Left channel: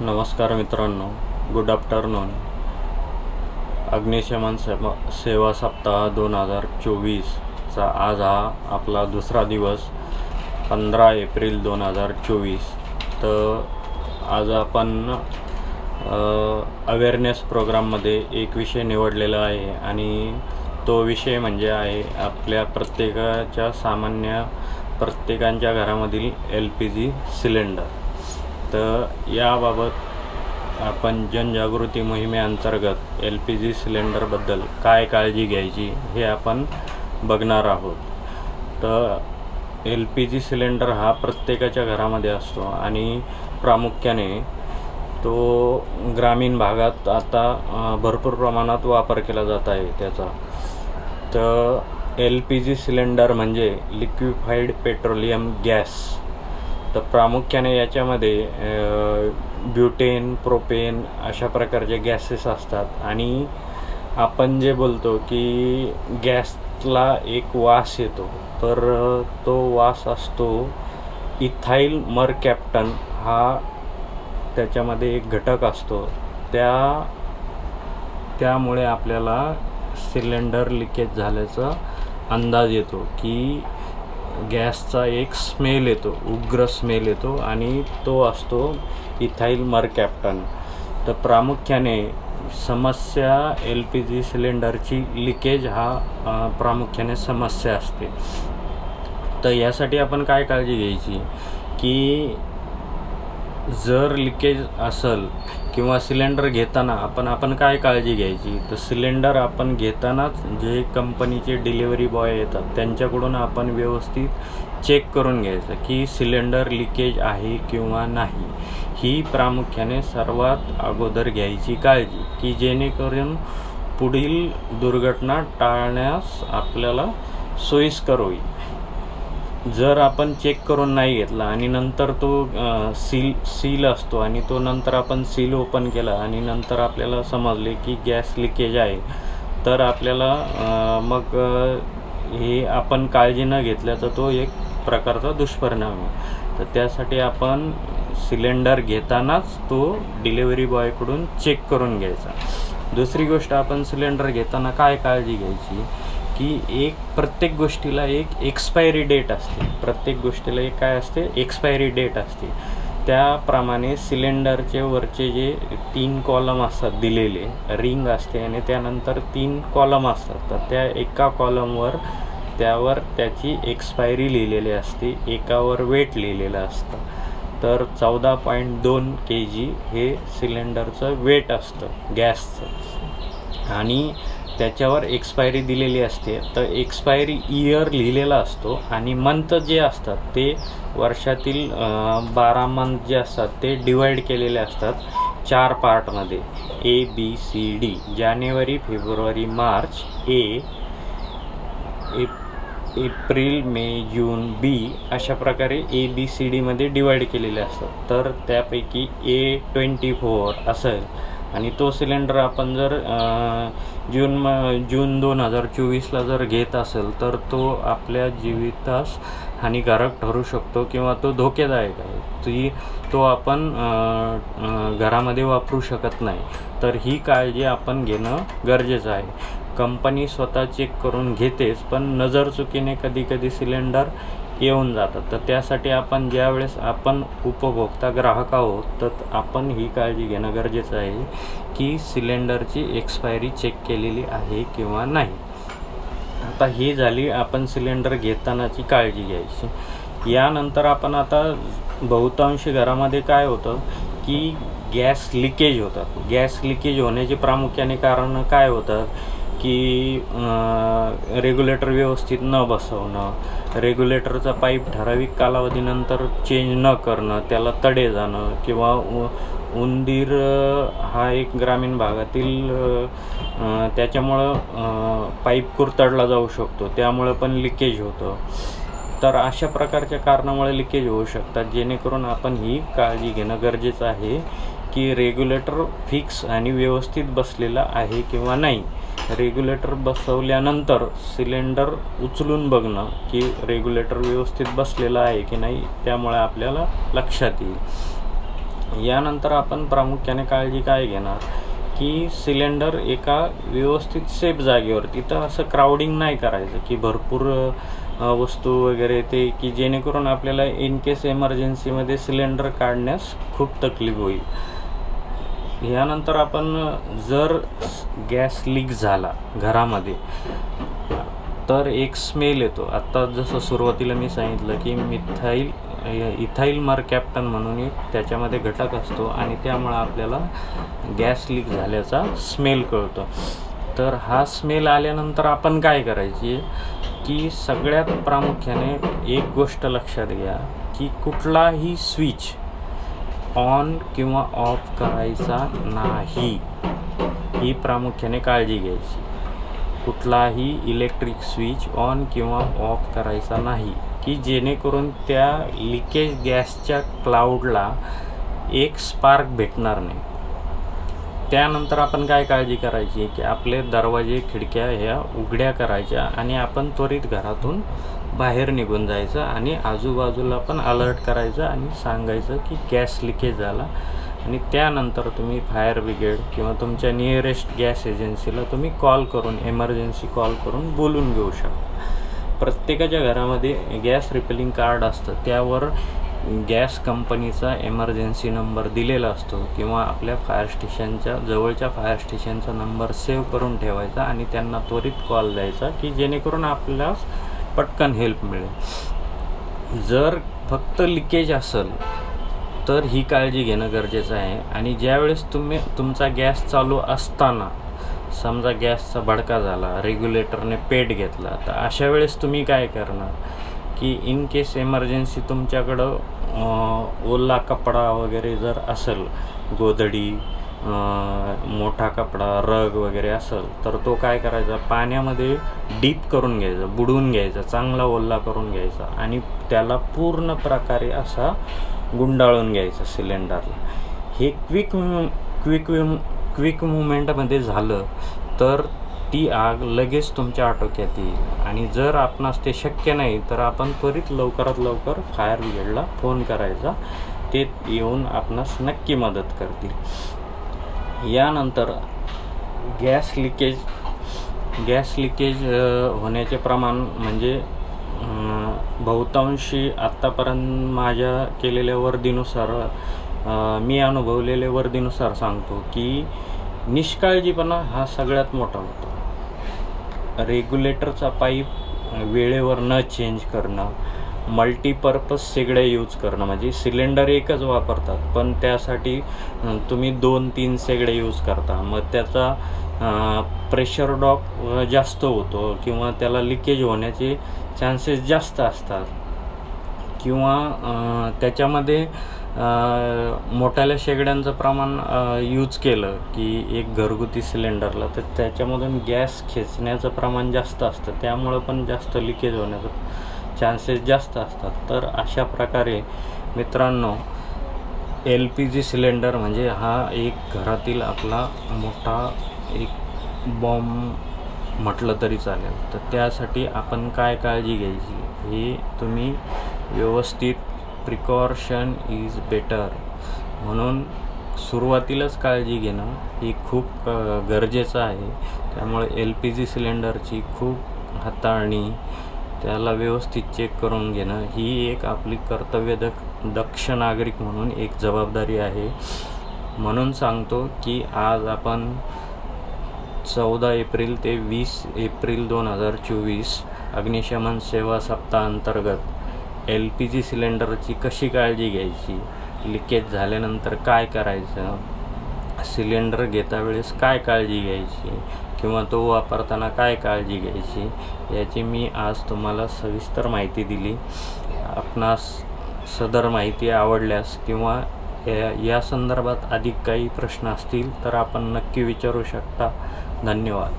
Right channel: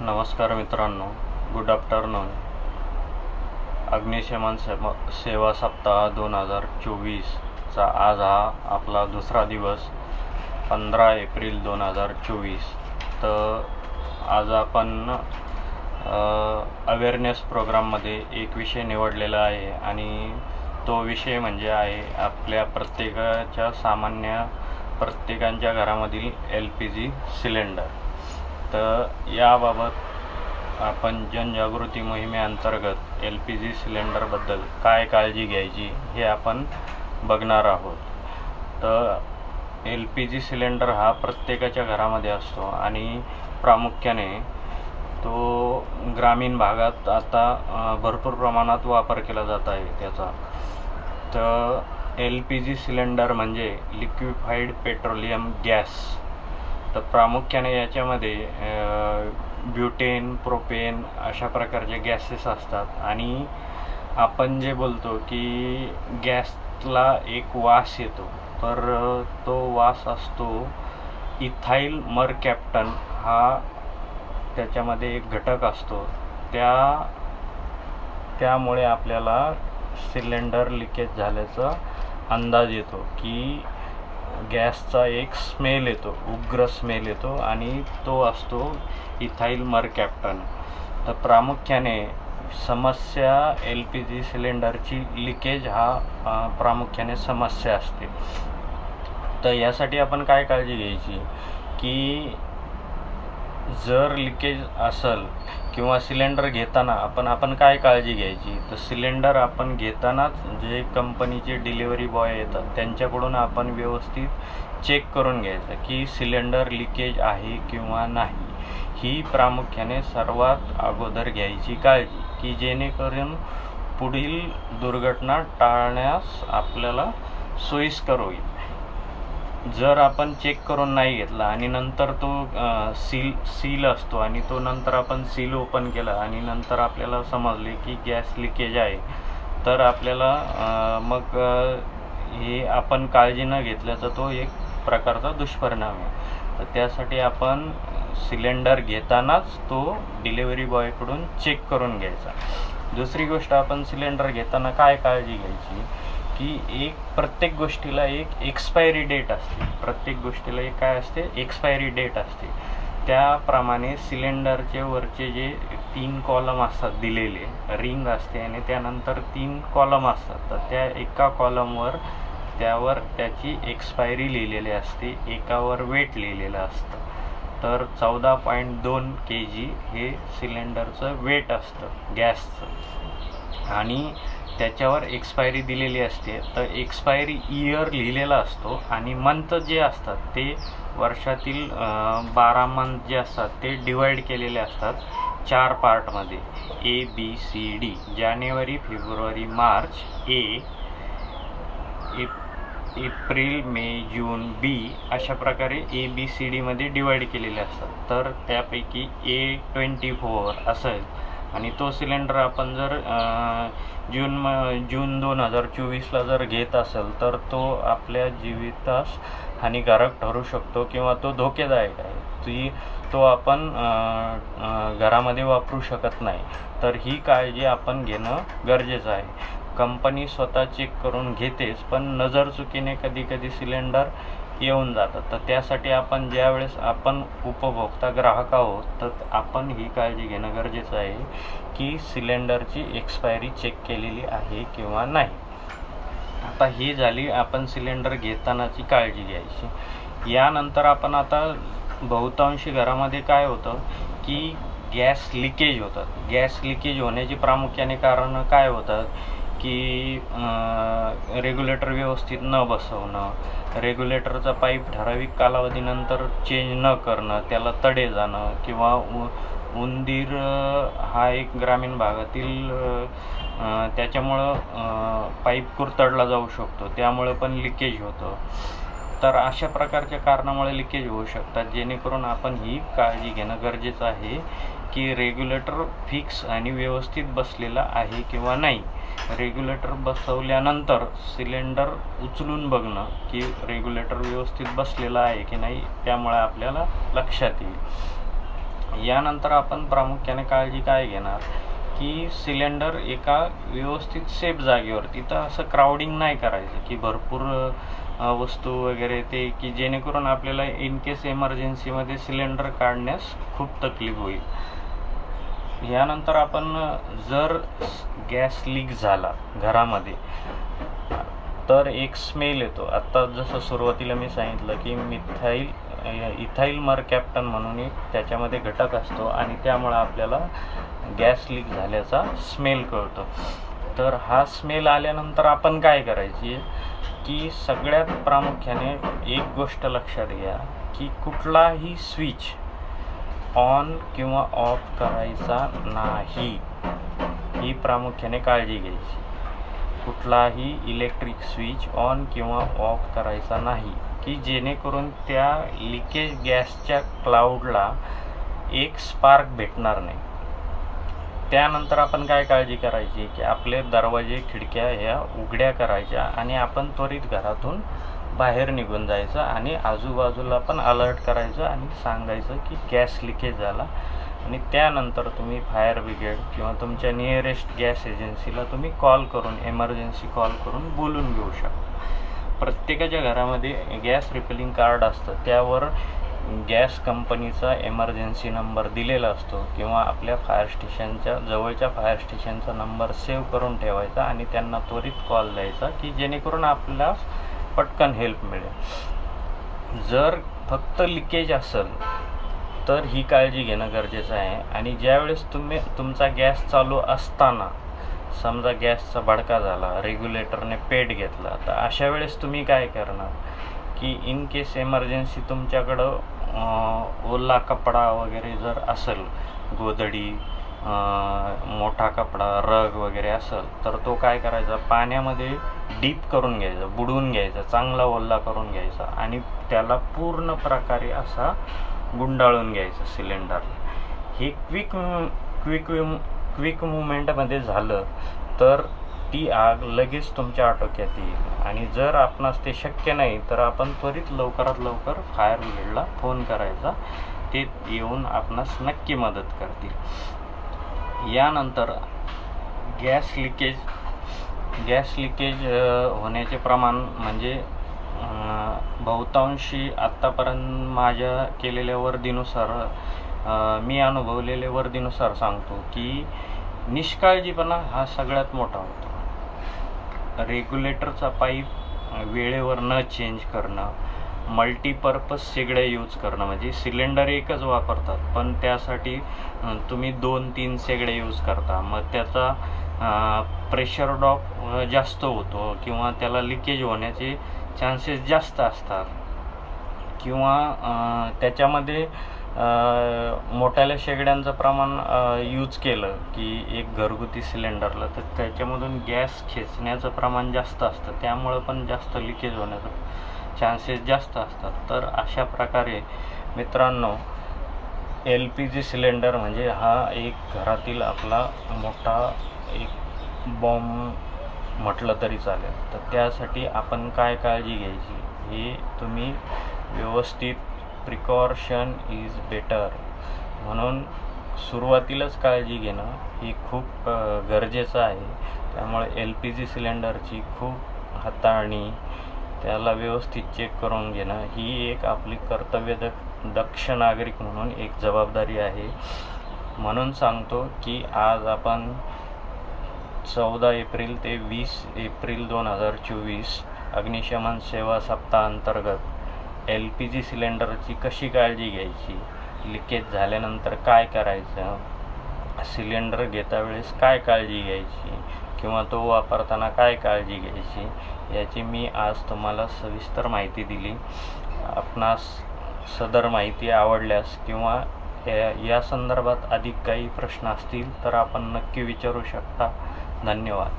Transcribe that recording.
नमस्कार मित्रांनो, good afternoon. अग्निशमन सेवा सप्ताह 2024चा आज हा आपला दुसरा दिवस 15 एप्रिल 2024. तर आज आपण अवेअरनेस प्रोग्राममध्ये एक विषय निवडलेला आहे आणि तो विषय म्हणजे आहे आपल्या प्रत्येकांच्या घरामधील LPG सिलेंडर. तर याबाबत आपण जनजागृती मोहिमेअंतर्गत LPG सिलेंडरबद्दल काय काळजी घ्यायची हे आपण बघणार आहोत. तर LPG सिलेंडर हा प्रत्येकाच्या घरामध्ये असतो आणि प्रामुख्याने तो ग्रामीण भागात आता भरपूर प्रमाणात वापर केला जात आहे त्याचा. तर LPG सिलेंडर म्हणजे लिक्विफाईड पेट्रोलियम गॅस. तर प्रामुख्याने याच्यामध्ये ब्युटेन, प्रोपेन अशा प्रकारचे गॅसेस असतात आणि आपण जे बोलतो की गॅसला एक वास येतो, तर तो वास असतो इथाईल मरकॅप्टन हा त्याच्यामध्ये एक घटक असतो. त्यामुळे आपल्याला सिलेंडर लिकेज झाल्याचा अंदाज येतो की गॅसचा एक स्मेल येतो, उग्र स्मेल येतो आणि तो असतो इथाईल मरकॅप्टन. तर प्रामुख्याने समस्या LPG सिलेंडरची लिकेज हा प्रामुख्याने समस्या असते. तर यासाठी आपण काय काळजी घ्यायची की जर लिकेज असेल किंवा सिलेंडर घेताना आपण काय काळजी घ्यायची, तर सिलेंडर आपण घेतानाच जे कंपनीचे डिलिव्हरी बॉय येतात त्यांच्याकडून आपण व्यवस्थित चेक करून घ्यायचं की सिलेंडर लिकेज आहे किंवा नाही. ही प्रामुख्याने सर्वात अगोदर घ्यायची काळजी की जेणेकरून पुढील दुर्घटना टाळण्यास आपल्याला सोयीस्कर होईल. जर आपण चेक करून नाही घेतला आणि नंतर तो सील असतो आणि तो नंतर आपण सील ओपन केला आणि नंतर आपल्याला समजले की गॅस लिकेज आहे, तर आपल्याला मग हे आपण काळजी न घेतल्याचा तो एक प्रकारचा दुष्परिणाम आहे. तर त्यासाठी आपण सिलेंडर घेतानाच तो डिलिव्हरी बॉयकडून चेक करून घ्यायचा. दुसरी गोष्ट, आपण सिलेंडर घेताना काय काळजी घ्यायची की प्रत्येक गोष्टीला एक एक्सपायरी डेट असते. प्रत्येक गोष्टीला एक काय असते, एक्सपायरी डेट असते. त्याप्रमाणे सिलेंडरचे वरचे जे 3 कॉलम असतात दिलेले, रिंग असते आणि त्यानंतर 3 कॉलम असतात. तर त्या एका कॉलमवर त्यावर त्याची एक्सपायरी लिहिलेली असते, एकावर वेट लिहिलेलं असतं. तर 14.2 kg हे सिलेंडरचं वेट असतं गॅसचं आणि त्याच्यावर एक्सपायरी दिलेली असते. तर एक्सपायरी इयर लिहिलेला असतो आणि मंथ जे असतात ते वर्षातील 12 मंथ जे असतात ते डिवाइड केलेले असतात 4 पार्टमध्ये, ABCD. January, February, March A, April, may, June B अशा प्रकारे ABCD मध्ये डिवाइड केलेले असतात. तर त्यापैकी A24 असेल आणि तो सिलेंडर आपण जर जून 2024ला जर घेत असेल तर तो आपल्या जीवितास हानिकारक ठरू शकतो किंवा तो धोकेदायक आहे. तो आपण घरामध्ये वापरू शकत नाही. तर ही काळजी आपण घेणं गरजेचं आहे. कंपनी स्वतः चेक करून घेतेच, पण नजरचुकीने कधी सिलेंडर येऊन जातात. तर त्यासाठी आपण ज्यावेळेस आपण उपभोक्ता ग्राहक आहोत तर आपण ही काळजी घेणं गरजेचं आहे की सिलेंडरची एक्सपायरी चेक केलेली आहे किंवा नाही. आता ही झाली आपण सिलेंडर घेतानाची काळजी घ्यायची. यानंतर आपण आता बहुतांशी घरामध्ये काय होतं की गॅस लिकेज होतात. गॅस लिकेज होण्याची प्रामुख्याने कारणं काय होतात की रेग्युलेटर व्यवस्थित न बसवणं, रेग्युलेटरचा पाईप ठराविक कालावधीनंतर चेंज न करणं, त्याला तडे जाणं किंवा उंदीर हा एक ग्रामीण भागातील त्याच्यामुळं पाईप कुरतडला जाऊ शकतो, त्यामुळे पण लिकेज होतं. तर अशा प्रकारच्या कारणामुळे लिकेज होऊ शकतात, जेणेकरून आपण ही काळजी घेणं गरजेचं आहे की रेग्युलेटर फिक्स आणि व्यवस्थित बसलेला आहे किंवा नाही. रेग्युलेटर बसवल्यानंतर सिलेंडर उचलून बघणं की रेग्युलेटर व्यवस्थित बसलेला आहे की नाही, त्यामुळे आपल्याला लक्षात येईल. यानंतर आपण प्रामुख्याने काळजी काय घेणार की सिलेंडर एका व्यवस्थित सेफ जागेवर, तिथं असं क्राउडिंग नाही करायचं की भरपूर वस्तू वगैरे ते, की जेणेकरून आपल्याला इन केस इमर्जन्सीमध्ये सिलेंडर काढण्यास खूप तकलीफ होईल। यानंतर आपण जर गॅस लीक झाला घरामध्ये तर एक स्मेल येतो। आत्ता जसं सुरुवातीला मी सांगितलं की इथाईल मरकॅप्टन म्हणून एक त्याच्यामध्ये घटक असतो आणि त्यामुळे आपल्याला गॅस लीक झाल्याचा स्मेल कळतो। तर हा स्मेल आल्यानंतर आपण काय करायची की सगळ्यात प्रामुख्याने एक गोष्ट लक्षात घ्या की कुठलाही स्विच ऑन किंवा ऑफ करायचा नाही, ही प्रामुख्याने काळजी घ्यायची। कुठलाही इलेक्ट्रिक स्विच ऑन किंवा ऑफ करायचा नाही की जेणेकरून त्या लिकेज गॅसच्या क्लाउडला एक स्पार्क भेटणार नाही। त्यानंतर आपण काय काळजी करायची की आपले दरवाजे खिडक्या ह्या उघड्या करायच्या आणि आपण त्वरित घरातून बाहेर निघून जायचं आणि आजूबाजूला पण अलर्ट करायचं आणि सांगायचं की गॅस लिकेज झाला। आणि त्यानंतर तुम्ही फायर ब्रिगेड किंवा तुमच्या नियरेस्ट गॅस एजन्सीला तुम्ही कॉल करून, इमर्जन्सी कॉल करून बोलून घेऊ शकता। प्रत्येकाच्या घरामध्ये गॅस रिफिलिंग कार्ड असतं, त्यावर गॅस कंपनीचा इमर्जन्सी नंबर दिलेला असतो किंवा आपल्या फायर स्टेशनच्या जवळच्या फायर स्टेशनचा नंबर सेव्ह करून ठेवायचा आणि त्यांना त्वरित कॉल द्यायचा की जेणेकरून आपल्याला पटकन हेल्प मिळेल। जर फक्त लिकेज असेल तर ही काळजी घेणं गरजेचं आहे। आणि ज्यावेळेस तुमचा गॅस चालू असताना समजा गॅसचा भडका झाला, रेग्युलेटरने पेट घेतला, तर अशा वेळेस तुम्ही काय करणार की इन केस इमर्जन्सी तुमच्याकडं ओला कपडा वगैरे जर असेल, गोधडी, मोठा कपडा, रग वगैरे असेल, तर तो काय करायचा पाण्यामध्ये डीप करून घ्यायचा, बुडवून घ्यायचा, चांगला ओला करून घ्यायचा आणि त्याला पूर्ण प्रकारे असा गुंडाळून घ्यायचं सिलेंडरला। हे क्विक मुवमेंटमध्ये झालं तर ती आग लगेच तुमच्या आटोक्यात येईल। आणि जर आपणास ते शक्य नाही तर आपण त्वरित लवकरात लवकर फायर ब्रिगेडला फोन करायचा, ते येऊन आपणास नक्की मदत करतील। यानंतर गॅस लिकेज होण्याचे प्रमाण म्हणजे बहुतांशी आत्तापर्यंत माझ्या केलेल्या वर्दीनुसार, मी अनुभवलेल्या वर्दीनुसार सांगतो की निष्काळजीपणा हा सगळ्यात मोठा होतो। रेग्युलेटरचा पाईप वेळेवर न चेंज करणं, मल्टीपर्पज शेगड्या यूज करणं, म्हणजे सिलेंडर एकच वापरतात पण त्यासाठी तुम्ही 2-3 शेगड्या यूज करता, मग त्याचा प्रेशर ड्रॉप जास्त होतो किंवा त्याला लिकेज होण्याचे चान्सेस जास्त असतात। किंवा त्याच्यामध्ये मोठ्याल्या शेगड्यांचं प्रमाण यूज केलं की एक घरगुती सिलेंडरला, तर त्याच्यामधून गॅस खेचण्याचं प्रमाण जास्त असतं, त्यामुळं पण जास्त लिकेज होण्याचं चान्सेस जास्त असतात। तर अशा प्रकारे मित्रांनो LPG सिलेंडर म्हणजे हा एक घरातील आपला मोठा एक बॉम्ब म्हटलं तरी चालेल। तर त्यासाठी आपण काय काळजी घ्यायची हे तुम्ही व्यवस्थित, प्रिकॉशन इज बेटर म्हणून सुरुवातीलाच काळजी घेणं हे खूप गरजेचं आहे। त्यामुळे LPG सिलेंडरची खूप हाताळणी, त्याला व्यवस्थित चेक करून घेणं ही एक आपली कर्तव्य दक्ष नागरिक म्हणून एक जबाबदारी आहे। म्हणून सांगतो की आज आपण 14 एप्रिल ते 20 एप्रिल 2024 अग्निशमन सेवा सप्ताह अंतर्गत LPG सिलेंडरची कशी काळजी घ्यायची, लिकेज झाल्यानंतर काय करायचं, सिलेंडर घेता वेळेस काय काळजी घ्यायची किंवा तो वापरताना काय काळजी घ्यायची, याची मी आज तुम्हाला सविस्तर माहिती दिली। आपणास सदर माहिती आवडल्यास किंवा या संदर्भात अधिक काही प्रश्न असतील तर आपण नक्की विचारू शकता। धन्यवाद।